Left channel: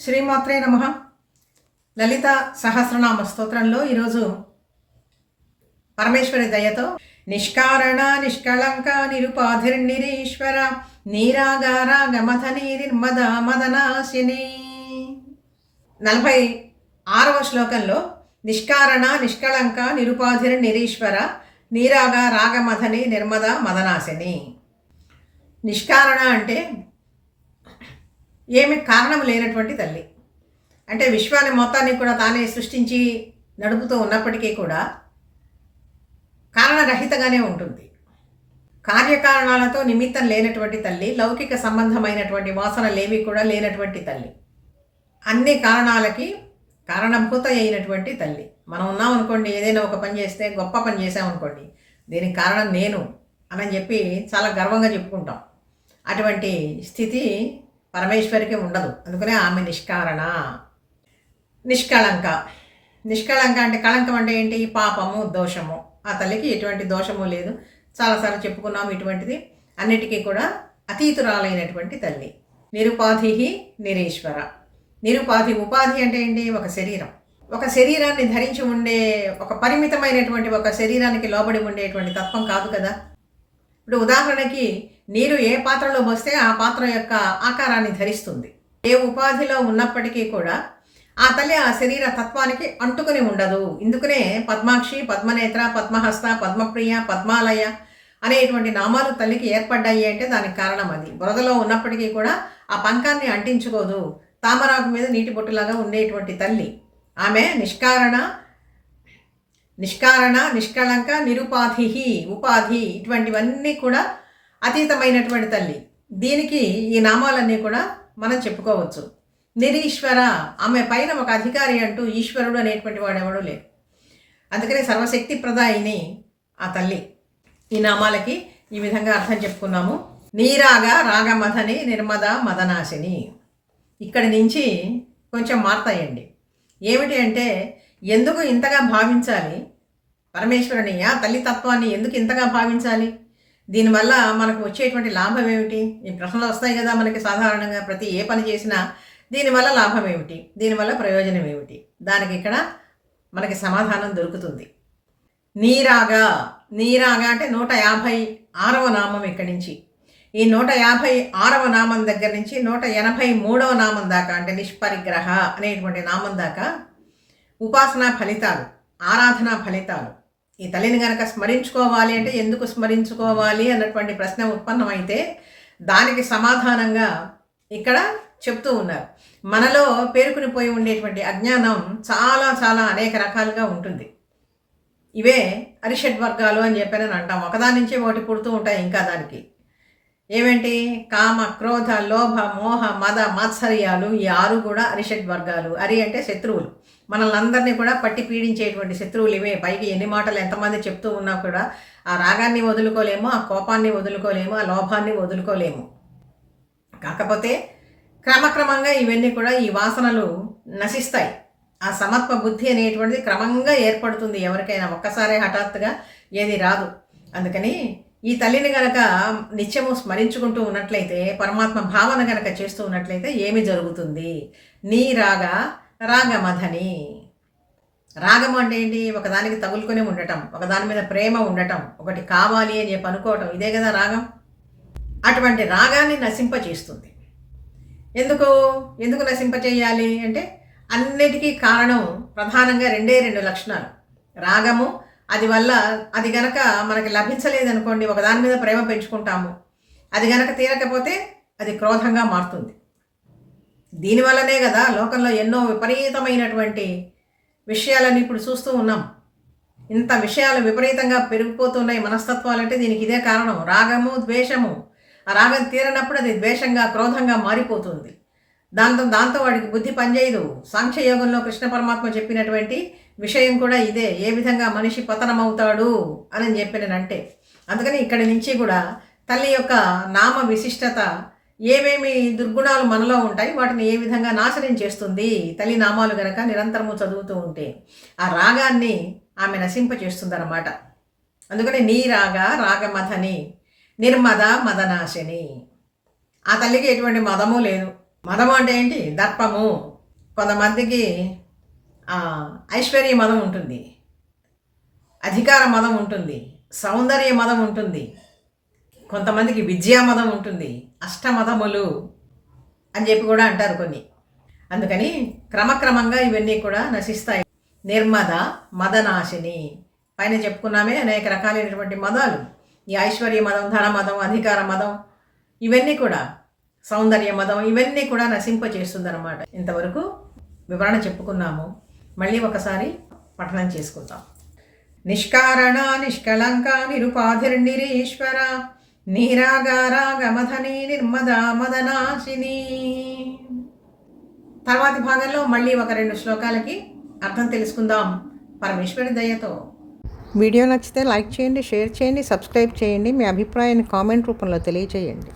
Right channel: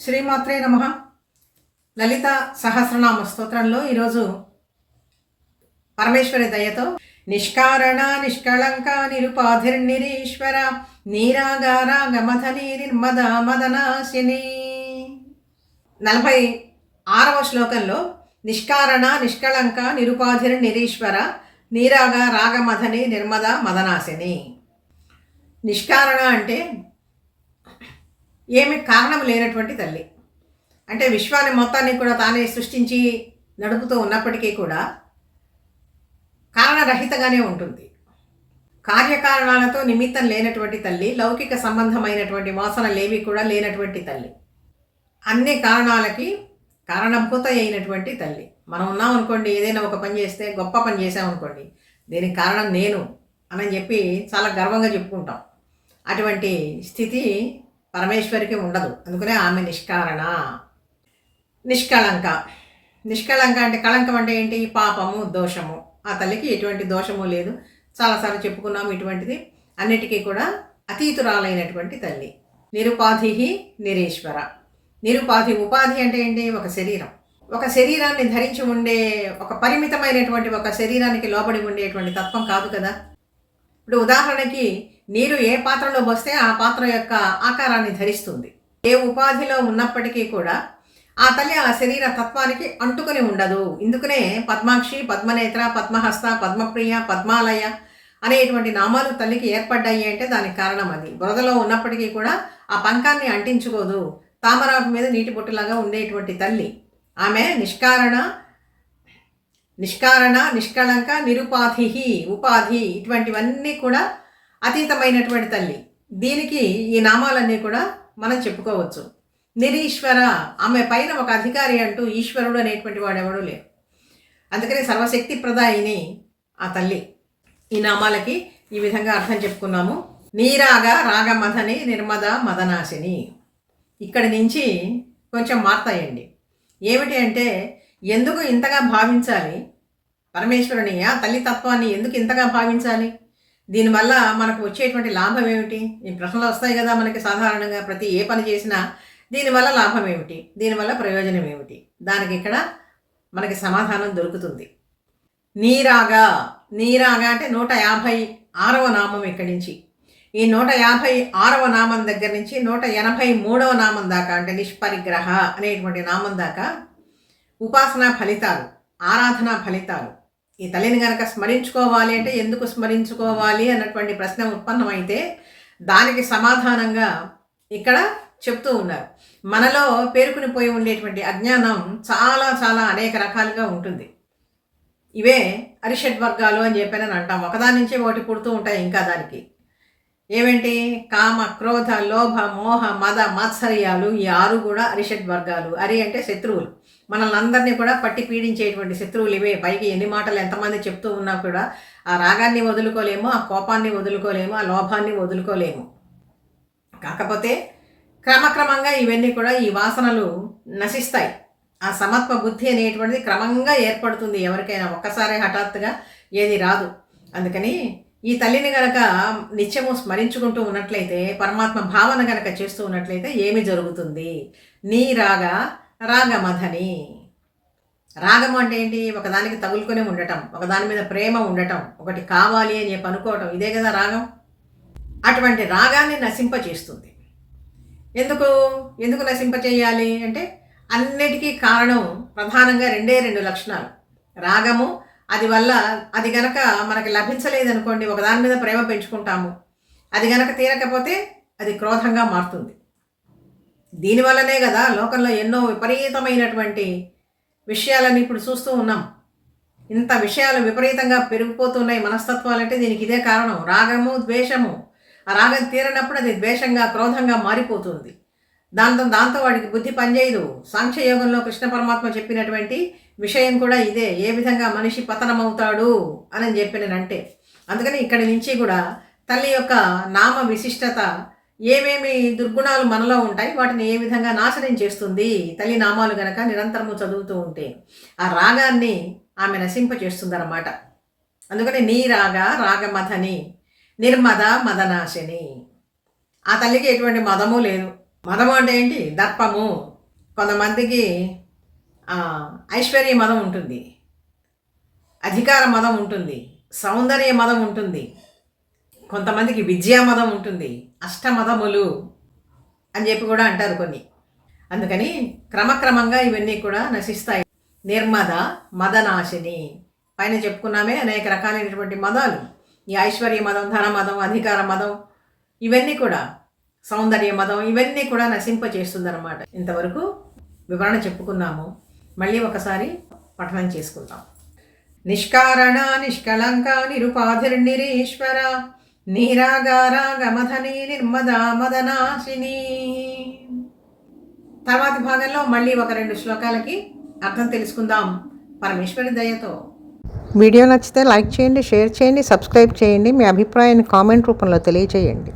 శ్రీమాత్రే నమ. లలిత సహస్రనామ స్తోత్రంలో ఈరోజు పరమేశ్వరి దయతో నిష్కారణ నిష్కళంక నిరుపాధిర్నిరీశ్వర నీరాగార గమధని నిర్మద మదనాశిని. నలభై ఆరవ శ్లోకంలో నిష్కారణ నిష్కళంక నిరుపాధిర్ నిరీశ్వర నీరాగ రాగమధని నిర్మద మదనాశిని. నిష్కారణ అంటే ఏమి కారణం లేనటువంటి తల్లి. అంటే విశ్వాన్ని మొత్తాన్ని కూడా తానే సృష్టించి నడుపుతూ ఉన్నప్పటికీ కూడా కారణరహితగానే ఉంటుంది. కార్యకారణాలతో నిమిత్తం లేనటువంటి తల్లి లౌకిక సంబంధమైనటువంటి వాసనలేవి కూడా లేనటువంటి తల్లి. అన్ని కారణాలకి కారణభూత అయినటువంటి తల్లి. మనం ఉన్నాం అనుకోండి ఏదైనా ఒక పని చేస్తే గొప్ప పని చేసామనుకోండి దీనికి కారణం నేను అని చెప్పి చాలా గర్వంగా చెప్పుకుంటాం. అటువంటి స్థితి పరమేశ్వరికి ఉండదు. అందుకనే ఆమె నిష్కారణ నిష్కళంక. నిష్కళంక అంటే కళంకం అంటే ఏంటి? పాపము దోషము. ఆ తల్లికి ఎటువంటి దోషము లేదు. చాలాసార్లు చెప్పుకున్నాము ఇటువంటిది. అన్నిటికీ కూడా అతీతురాలైనటువంటి తల్లి. నిరుపాధి నిరీశ్వర. నిరుపాధి ఉపాధి అంటే ఏంటి? ఒక శరీరం. ఒక శరీరాన్ని ధరించి ఉండే ఒక పరిమితమైనటువంటి ఒక శరీరానికి లోబడి ఉండేటువంటి తత్వం కాదు కదా? ఇప్పుడు ఉదాహరణకి నీరు ఏ పాత్రలో పోస్తే ఆ పాత్ర యొక్క ఆకారాన్ని ధరిస్తుంది. ఏ ఉపాధిలో ఉన్నప్పటికీ కూడా ఆ తల్లి ఆ శరీర తత్వానికి అంటుకుని ఉండదు. ఇందుకనే పద్మాక్షి పద్మనేత్ర పద్మహస్త పద్మప్రియ పద్మాలయ అనేటువంటి నామాలు తల్లికి ఏర్పడ్డాయి అంటే దానికి కారణం అది. బురదలో ఉన్నప్పటికీ కూడా ఆ పంకాన్ని అంటించుకోదు. తామరాకు మీద నీటి బొట్టులాగా ఉండేటువంటి తల్లి. ఆమె నిష్కారణ నిష్కారణ నిష్కళంక నిరుపాధి ఉపాధి ఇటువంటివన్నీ కూడా అతీతమైనటువంటి తల్లి. దీనికి ఈ నామాలన్నీ కూడా మనం చెప్పుకోవచ్చు. నిరీశ్వర ఆమె పైన ఒక అధికారి అంటూ ఈశ్వరుడు అనేటువంటి వాడెవడూ లేరు అందుకని సర్వశక్తి ప్రదాయిని ఆ తల్లి. ఈ నామాలకి ఈ విధంగా అర్థం చెప్పుకున్నాము. నీరాగ రాగమథని నిర్మద మదనాశిని. ఇక్కడి నుంచి కొంచెం మార్తాయండి. ఏమిటి అంటే ఎందుకు ఇంతగా భావించాలి? పరమేశ్వరుని ఆ తల్లి తత్వాన్ని ఎందుకు ఇంతగా భావించాలి? దీనివల్ల మనకు వచ్చేటువంటి లాభం ఏమిటి? ఈ ప్రశ్నలు వస్తాయి కదా మనకి సాధారణంగా ప్రతి ఏ పని చేసినా దీనివల్ల లాభం ఏమిటి? దీనివల్ల ప్రయోజనం ఏమిటి? దానికి ఇక్కడ మనకి సమాధానం దొరుకుతుంది. నీరాగా నీరాగా అంటే నూట యాభై ఆరవ నామం ఇక్కడి నుంచి. ఈ నూట యాభై ఆరవ నామం దగ్గర నుంచి నూట ఎనభై మూడవ నామం దాకా అంటే నిష్పరిగ్రహ అనేటువంటి నామం దాకా ఉపాసనా ఫలితాలు ఆరాధనా ఫలితాలు. ఈ తల్లిని కనుక స్మరించుకోవాలి అంటే ఎందుకు స్మరించుకోవాలి అన్నటువంటి ప్రశ్న ఉత్పన్నమైతే దానికి సమాధానంగా ఇక్కడ చెప్తూ ఉన్నారు. మనలో పేరుకునిపోయి ఉండేటువంటి అజ్ఞానం చాలా చాలా అనేక రకాలుగా ఉంటుంది. ఇవే అరిషడ్ వర్గాలు అని చెప్పానని అంటాం. ఒకదాని నుంచే ఒకటి పుడుతూ ఉంటాయి ఇంకా దానికి. ఏమేంటి? కామ క్రోధ లోభ మోహ మద మాత్సర్యాలు ఈ ఆరు కూడా అరిషడ్ వర్గాలు. అరి అంటే శత్రువులు. మనల్ని అందరినీ కూడా పట్టి పీడించేటువంటి శత్రువులు ఇవే. పైకి ఎన్ని మాటలు ఎంతమంది చెప్తూ ఉన్నా కూడా ఆ రాగాన్ని వదులుకోలేము ఆ కోపాన్ని వదులుకోలేము ఆ లోభాన్ని వదులుకోలేము. కాకపోతే క్రమక్రమంగా ఇవన్నీ కూడా ఈ వాసనలు నశిస్తాయి. ఆ సమత్వ బుద్ధి అనేటువంటిది క్రమంగా ఏర్పడుతుంది ఎవరికైనా. ఒక్కసారి హఠాత్తుగా ఏది రాదు. అందుకని ఈ తల్లిని గనక నిత్యము స్మరించుకుంటూ ఉన్నట్లయితే పరమాత్మ భావన గనక చేస్తూ ఉన్నట్లయితే ఏమి జరుగుతుంది? నీ రాగా రాగమధని రాగం అంటే ఏంటి? ఒకదానికి తగులుకొని ఉండటం ఒకదాని మీద ప్రేమ ఉండటం ఒకటి కావాలి అని చెప్పి అనుకోవటం ఇదే కదా రాగం? అటువంటి రాగాన్ని నశింపచేస్తుంది. ఎందుకు? ఎందుకు నశింపచేయాలి అంటే అన్నిటికీ కారణం ప్రధానంగా రెండే రెండు లక్షణాలు. రాగము అది వల్ల అది గనక మనకి లభించలేదనుకోండి ఒకదాని మీద ప్రేమ పెంచుకుంటాము. అది గనక తీరకపోతే అది క్రోధంగా మారుతుంది. దీనివల్లనే కదా లోకంలో ఎన్నో విపరీతమైనటువంటి విషయాలని ఇప్పుడు చూస్తూ ఉన్నాం. ఇంత విషయాలు విపరీతంగా పెరిగిపోతున్నాయి మనస్తత్వాలు అంటే దీనికి ఇదే కారణం. రాగము ద్వేషము. ఆ రాగం తీరనప్పుడు అది ద్వేషంగా క్రోధంగా మారిపోతుంది. దాంతో దాంతో వాడికి బుద్ధి పనిచేయదు. సాంఖ్యయోగంలో కృష్ణ పరమాత్మ చెప్పినటువంటి విషయం కూడా ఇదే. ఏ విధంగా మనిషి పతనమవుతాడు అని చెప్పినంటే అందుకని ఇక్కడి నుంచి కూడా తల్లి యొక్క నామ విశిష్టత ఏమేమి దుర్గుణాలు మనలో ఉంటాయి వాటిని ఏ విధంగా నాశనం చేస్తుంది తల్లి నామాలు గనక నిరంతరము చదువుతూ ఉంటే ఆ రాగాన్ని ఆమె నశింపచేస్తుందన్నమాట అందుకని నీ రాగ రాగమథని నిర్మద మదనాశిని. ఆ తల్లికి ఎటువంటి మదము లేదు. మదం అంటే ఏంటి? దర్పము. కొంతమందికి ఐశ్వర్య మదం ఉంటుంది. అధికార మదం ఉంటుంది. సౌందర్య మదం ఉంటుంది. కొంతమందికి విద్యా మదం ఉంటుంది అష్టమదములు అని చెప్పి కూడా అంటారు కొన్ని. అందుకని క్రమక్రమంగా ఇవన్నీ కూడా నశిస్తాయి. నిర్మద మదనాశిని. పైన చెప్పుకున్నామే అనేక రకాలైనటువంటి మదాలు. ఈ ఐశ్వర్య మదం ధన మదం అధికార మదం ఇవన్నీ కూడా సౌందర్య మదం ఇవన్నీ కూడా నశింపచేస్తుందన్నమాట. ఇంతవరకు వివరణ చెప్పుకున్నాము. మళ్ళీ ఒకసారి పఠనం చేసుకుందాం. నిష్కారణ నిష్కళంక నిరుపాధిర్నిరీశ్వర నీరాగారాగమధని నిర్మద మదనాశిని. తర్వాతి భాగంలో మళ్ళీ ఒక రెండు శ్లోకాలకి అర్థం తెలుసుకుందాం. పరమేశ్వరి దయతో. వీడియో నచ్చితే లైక్ చేయండి షేర్ చేయండి సబ్స్క్రైబ్ చేయండి. మీ అభిప్రాయాన్ని కామెంట్ రూపంలో తెలియజేయండి.